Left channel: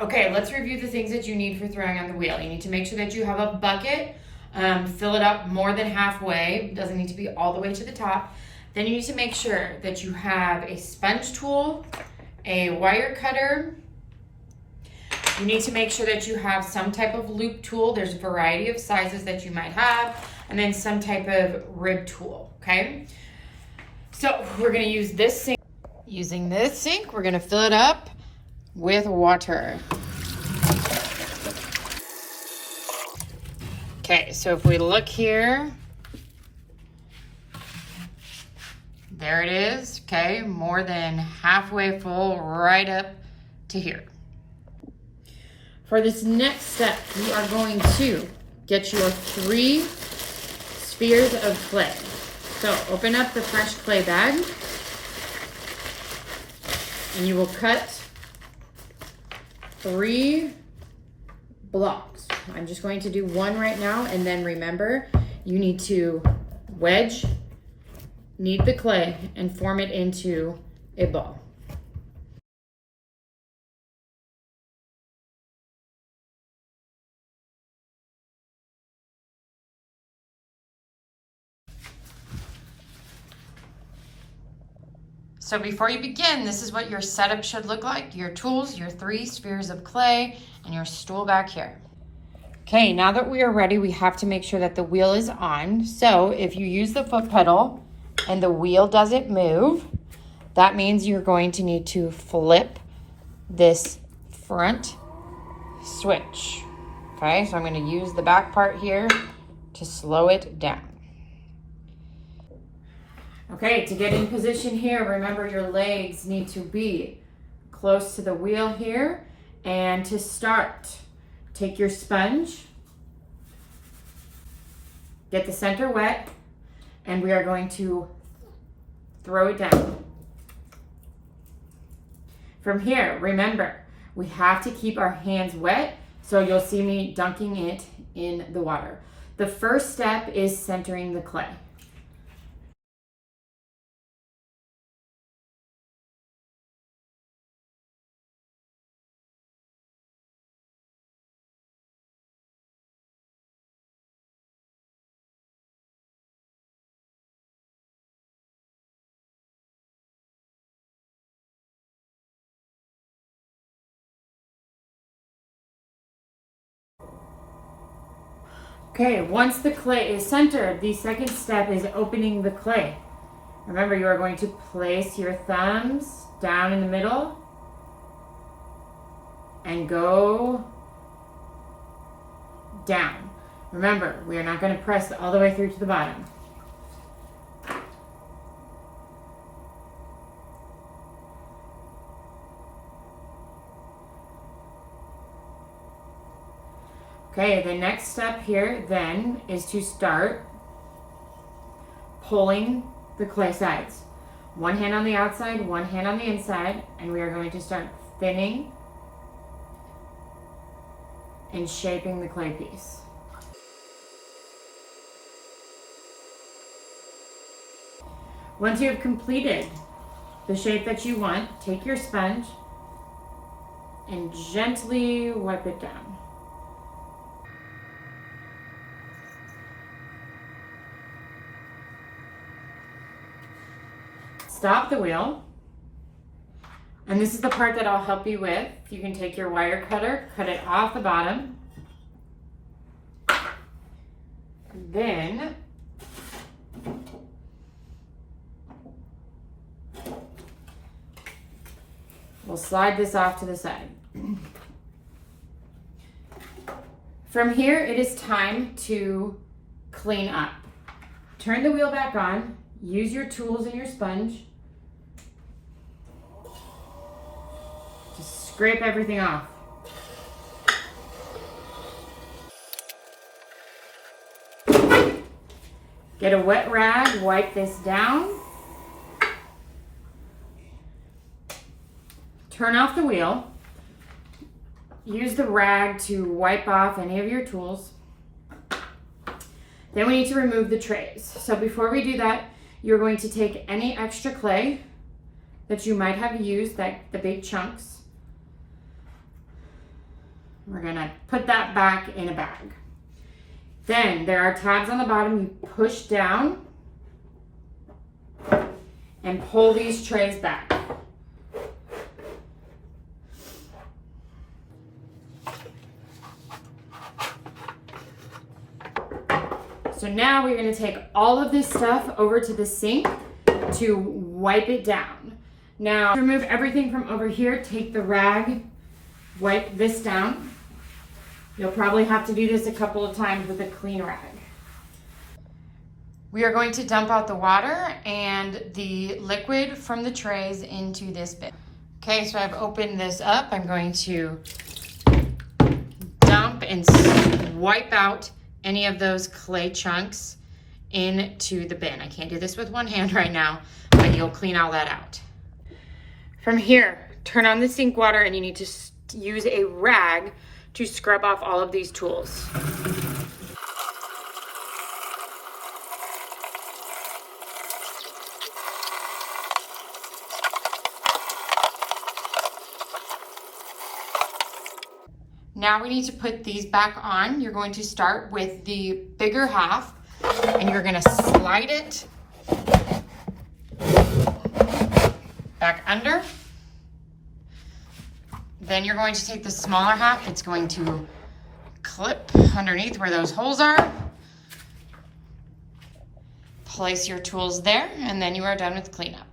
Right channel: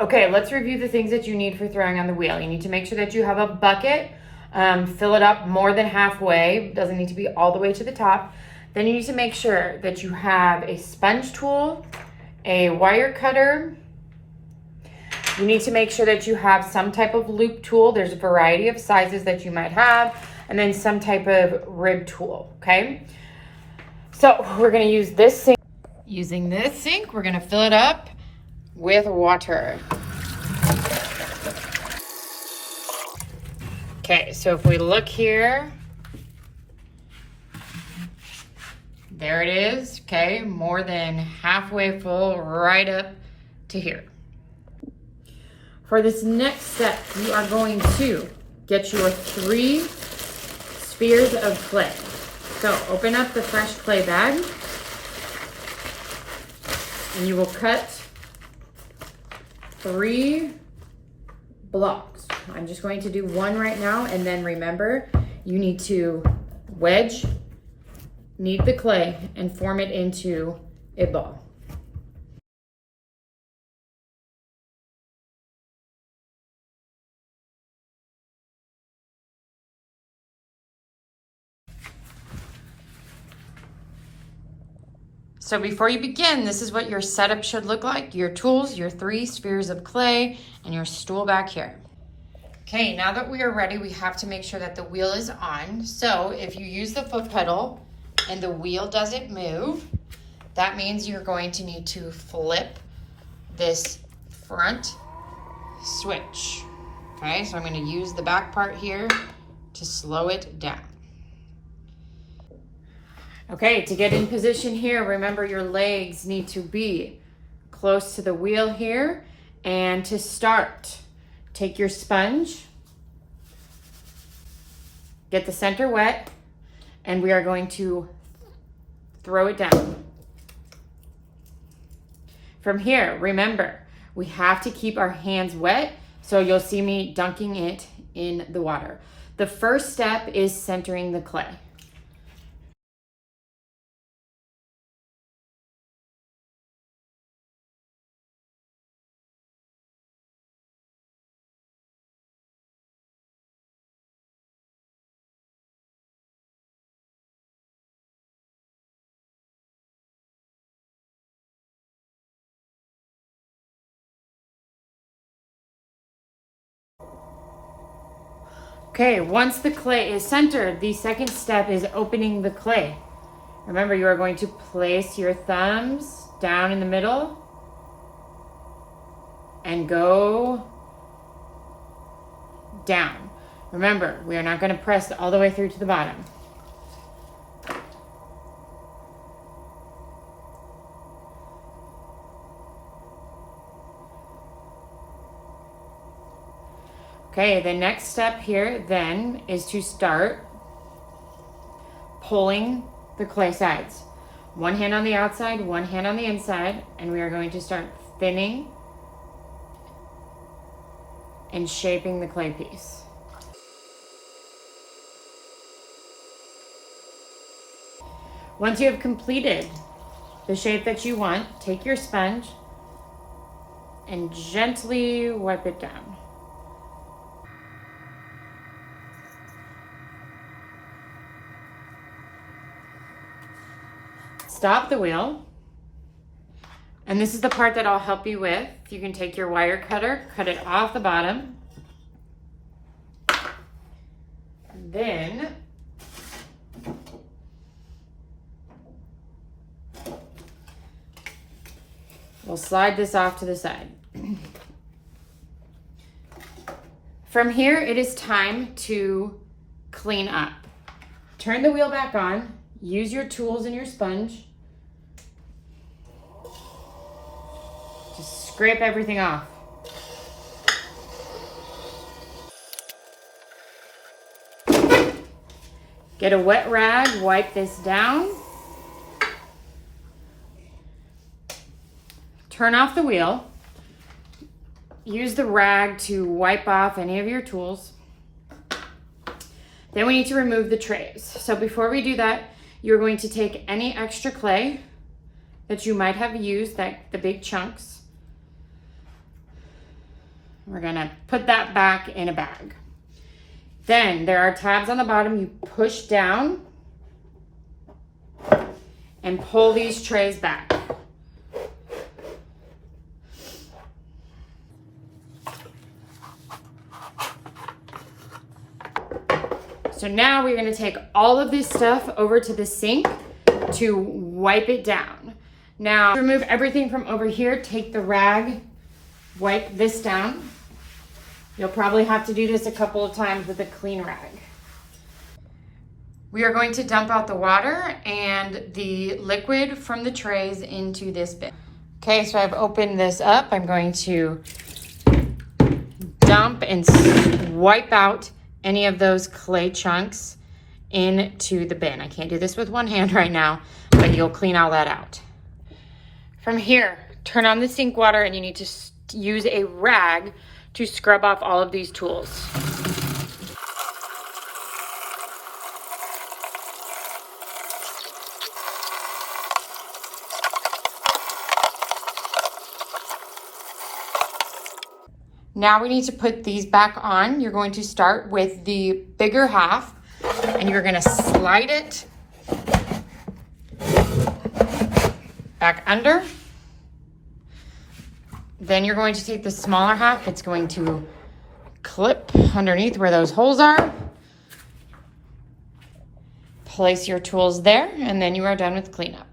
Okay, let's review the things that you need for throwing on the wheel. You need to make sure that you have a bucket, fill it up more than halfway. It doesn't need to be all the way to the top. Then you need to make sure that you have a sponge tool, a wire cutter. You need to make sure that you have some type of loop tool. There's a variety of sizes that you might have, and then some type of rib tool, okay? So we're gonna use this sink. Using this sink, we're gonna fill it up with water. Okay, so if we look here, there it is, okay? More than halfway full, right up to here. For this next step, you are going to get your 3 spheres of clay. So open up the fresh clay bag, and you will cut 3 blocks. I'm just going to do 1 right now, and then remember, you need to knead the clay and form it into a ball. So before you begin, this is what your setup should look like. Your tools, your 3 spheres of clay, and your stool back here. Okay, now that we are ready, we have to make sure that the wheel is on. So if you use the foot pedal and the wheel doesn't move, that means you're going to need to flip this front switch. Okay, so I'm going to use the back part here to slow it down. Okay, to get in position here, remember your legs need to be close to the wheel here. And to start, take your sponge, get the center wet, and we are going to throw it down. From here, remember, we have to keep our hands wet, so you'll see me dunking it in the water. The first step is centering the clay. Okay, once the clay is centered, the second step is opening the clay. Remember, you are going to place your thumbs down in the middle and go down. Remember, we are not going to press all the way through to the bottom. Okay, the next step here then is to start pulling the clay sides. 1 hand on the outside, 1 hand on the inside, and we are going to start thinning and shaping the clay piece. Once you have completed the shape that you want, take your sponge and gently wipe it down. Stop the wheel, and this is the part that I'll help you with. You can take your wire cutter, cut it off the bottom, then we'll slide this off to the side. From here, it is time to clean up. Turn the wheel back on, use your tools and your sponge. Just scrape everything off. Get a wet rag, wipe this down. Turn off the wheel. Use the rag to wipe off any of your tools. Then we need to remove the trays. So before we do that, you're going to take any extra clay that you might have used, the big chunks, We're gonna put that back in a bag. Then there are tabs on the bottom. You push down and pull these trays back. So now we're gonna take all of this stuff over to the sink to wipe it down. Now, to remove everything from over here, take the rag, wipe this down. You'll probably have to do this a couple of times with a clean rag. We are going to dump out the water and the liquid from the trays into this bin. Okay, so I've opened this up. I'm going to dump and wipe out any of those clay chunks into the bin. I can't do this with one hand right now, but you'll clean all that out. From here, turn on the sink water and you need to use a rag to scrub off all of these tools. Now we need to put these back on. You're going to start with the bigger half and you're gonna slide it back under. Then you're going to take the smaller half. It's going to clip underneath where those holes are. Place your tools there and then you are done with cleanup.